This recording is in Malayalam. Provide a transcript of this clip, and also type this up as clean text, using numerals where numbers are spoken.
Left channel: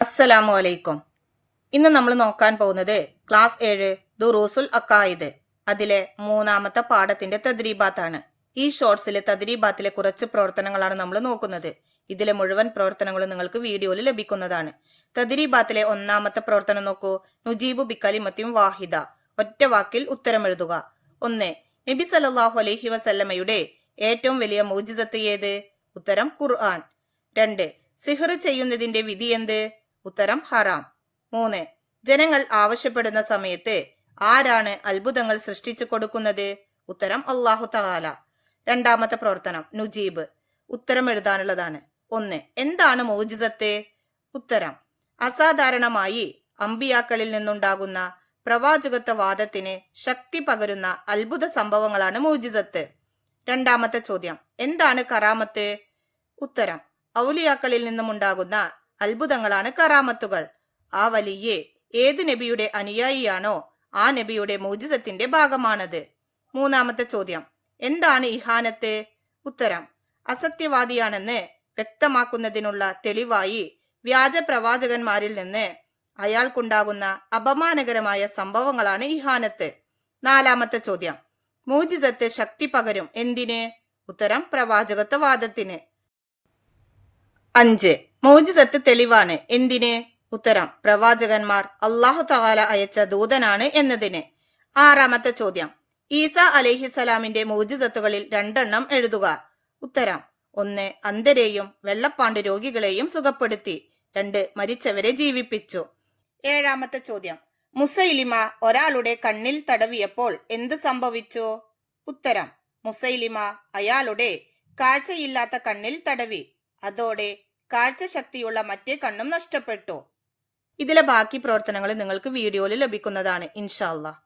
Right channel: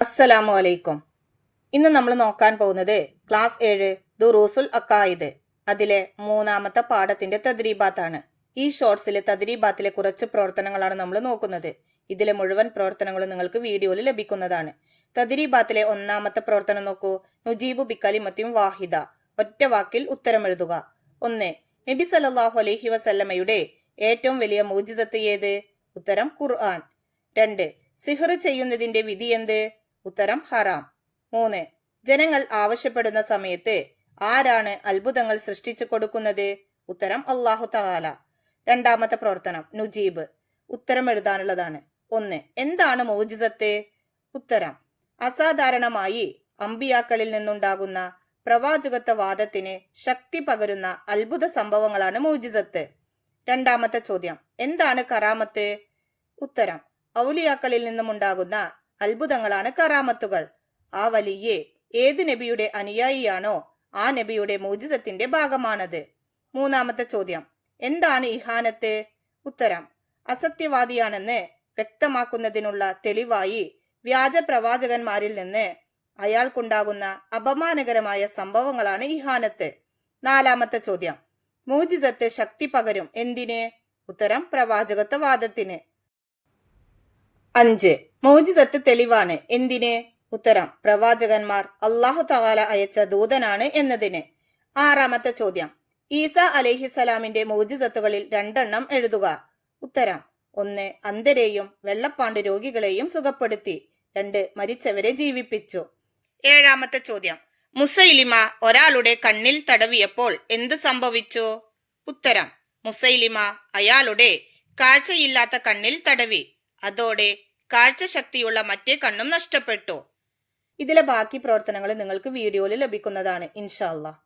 അസ്സലാമു അലൈക്കും. ഇന്ന് നമ്മൾ നോക്കാൻ പോകുന്നത് ക്ലാസ് 7 ദുറൂസുൽ അക്കായിദ് അതിലെ 3ാമത്തെ പാഠത്തിന്റെ തദ്രീബാത്താണ്. ഈ ഷോർട്സിലെ തദ്രീബാത്തിലെ കുറച്ച് പ്രവർത്തനങ്ങളാണ് നമ്മൾ നോക്കുന്നത്. ഇതിലെ മുഴുവൻ പ്രവർത്തനങ്ങളും നിങ്ങൾക്ക് വീഡിയോയിൽ ലഭിക്കുന്നതാണ്. തദ്രീബാത്തിലെ 1ാമത്തെ പ്രവർത്തനം നോക്കൂ. നുജീബു ബിക്കലിമത്തിൻ വാഹിദ, ഒറ്റ വാക്കിൽ ഉത്തരം എഴുതുക. 1. നബി സല്ലല്ലാഹു അലൈഹി വസല്ലമയുടെ ഏറ്റവും വലിയ മുഅ്ജിസത്ത് ഏത്? ഉത്തരം ഖുർആൻ. 2. സിഹ്ർ ചെയ്യുന്നതിന്റെ വിധി എന്ത്? ഉത്തരം ഹറാം. 3. ജനങ്ങൾ ആവശ്യപ്പെടുന്ന സമയത്ത് ആരാണ് അത്ഭുതങ്ങൾ സൃഷ്ടിച്ചു കൊടുക്കുന്നത്? ഉത്തരം അല്ലാഹു തആല. 2ാമത്തെ പ്രവർത്തനം നുജീബ്, ഉത്തരം എഴുതാനുള്ളതാണ്. 1. എന്താണ് മുഅ്ജിസത്ത്? ഉത്തരം അസാധാരണമായി അമ്പിയാക്കളിൽ നിന്നുണ്ടാകുന്ന പ്രവാചകത്വ വാദത്തിന് ശക്തി പകരുന്ന അത്ഭുത സംഭവങ്ങളാണ് മുഅ്ജിസത്ത്. 2ാമത്തെ ചോദ്യം എന്താണ് കറാമത്ത്? ഉത്തരം ഔലിയാക്കളിൽ നിന്നുമുണ്ടാകുന്ന അത്ഭുതങ്ങളാണ് കറാമത്തുകൾ. ആ വലിയ ഏത് നബിയുടെ അനുയായിയാണോ ആ നബിയുടെ മുഅ്ജിസത്തിന്റെ ഭാഗമാണത്. 3ാമത്തെ ചോദ്യം എന്താണ് ഇഹാനത്ത്? ഉത്തരം അസത്യവാദിയാണെന്ന് വ്യക്തമാക്കുന്നതിനുള്ള തെളിവായി വ്യാജ പ്രവാചകന്മാരിൽ നിന്ന് അയാൾക്കുണ്ടാകുന്ന അപമാനകരമായ സംഭവങ്ങളാണ് ഇഹാനത്ത്. 4ാമത്തെ ചോദ്യം മുഅ്ജിസത്ത് ശക്തി പകരും എന്തിന്? ഉത്തരം പ്രവാചകത്വ വാദത്തിന്. 5. മുഅ്ജിസത്ത് തെളിവാണ് എന്തിന്? ഉത്തരം പ്രവാചകന്മാർ അല്ലാഹു തആല അയച്ച ദൂതനാണ് എന്നതിന്. 6ാമത്തെ ചോദ്യം ഈസ അലൈഹിസലാമിന്റെ മുഅ്ജിസത്തുകളിൽ 2 എഴുതുക. ഉത്തരം 1. അന്ധരെയും വെള്ളപ്പാണ്ട് രോഗികളെയും സുഖപ്പെടുത്തി. 2. മരിച്ചവരെ ജീവിപ്പിച്ചു. 7ാമത്തെ ചോദ്യം മുസൈലിമ ഒരാളുടെ കണ്ണിൽ തടവിയപ്പോൾ എന്ത് സംഭവിച്ചു? ഉത്തരം മുസൈലിമ അയാളുടെ കാഴ്ചയില്ലാത്ത കണ്ണിൽ തടവി. അതോടെ കാഴ്ചശക്തിയുള്ള മറ്റേ കണ്ണും നഷ്ടപ്പെട്ടു. ഇതിലെ ബാക്കി പ്രവർത്തനങ്ങൾ നിങ്ങൾക്ക് വീഡിയോയിൽ ലഭിക്കുന്നതാണ് ഇൻഷാ അല്ലാഹ്.